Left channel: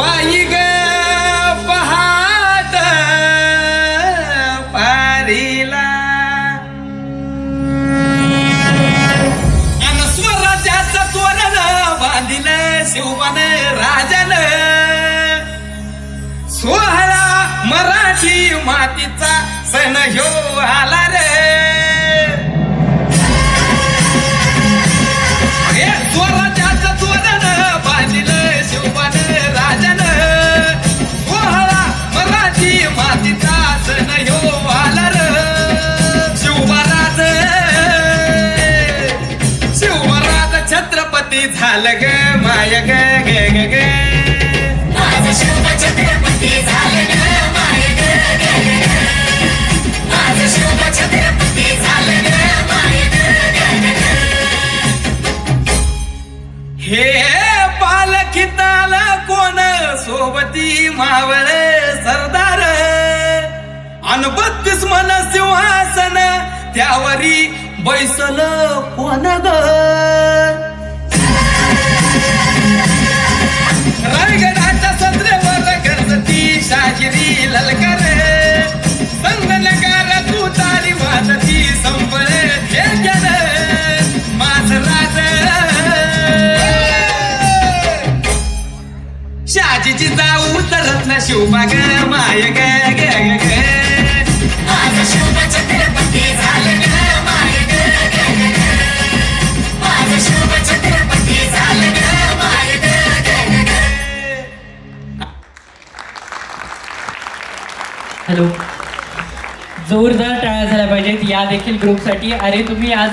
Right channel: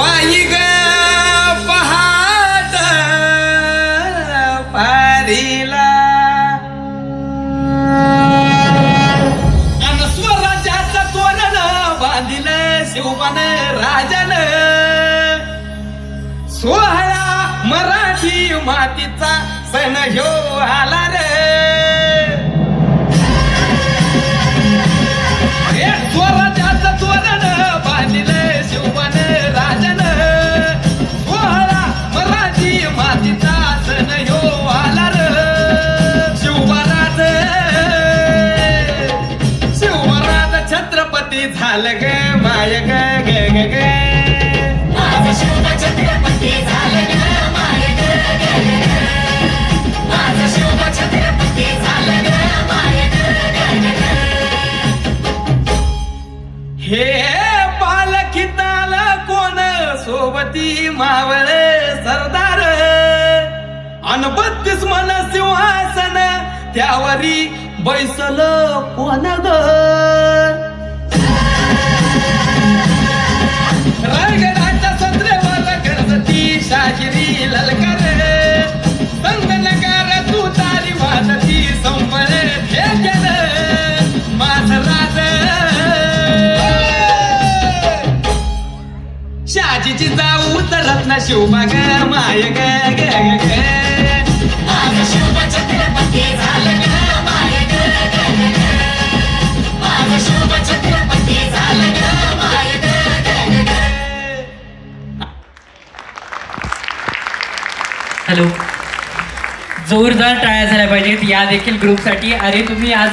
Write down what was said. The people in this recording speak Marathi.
बाई ग पहाट पारीला अन स्वराज्याचं तोरण बांधिलं शिवबन राजन सोहळा मराठी मातीचा सण ह्यो आला रे स्वराज्याचं तोरण बांधिलं शिवबन राजन सोहळा मराठी मातीचा सण ह्यो आला रे शिवबराज छत्रपती झालं ग माय ग ग ग ग माझं शिव छत्रपती झालं ग माय ग ग ग माझं शिव छत्रपती झालं ग माय ग ग ग हे पालखीताल कोण सोबती मावळ सरदार अन 32 मन सिंहासन त्यावरी बैसल कोण ग रायगडाच्या सत्रेवर गणपती शाहिरी ललकर संगलकार तू तारी वाजती संबळ हे केलं माझं राज शहाजीची जाऊ तरत ना शिवबाग माय ग ग ग माझं शिव छत्रपती झालं ग माय ग ग ग माझं शिव छत्रपती झालं ग माय ग ग ग हॅलो, जोरदार टाळ्या झाल्या पाहिजेत या देखील ग्रुपसाठी. अरे तुम्ही आज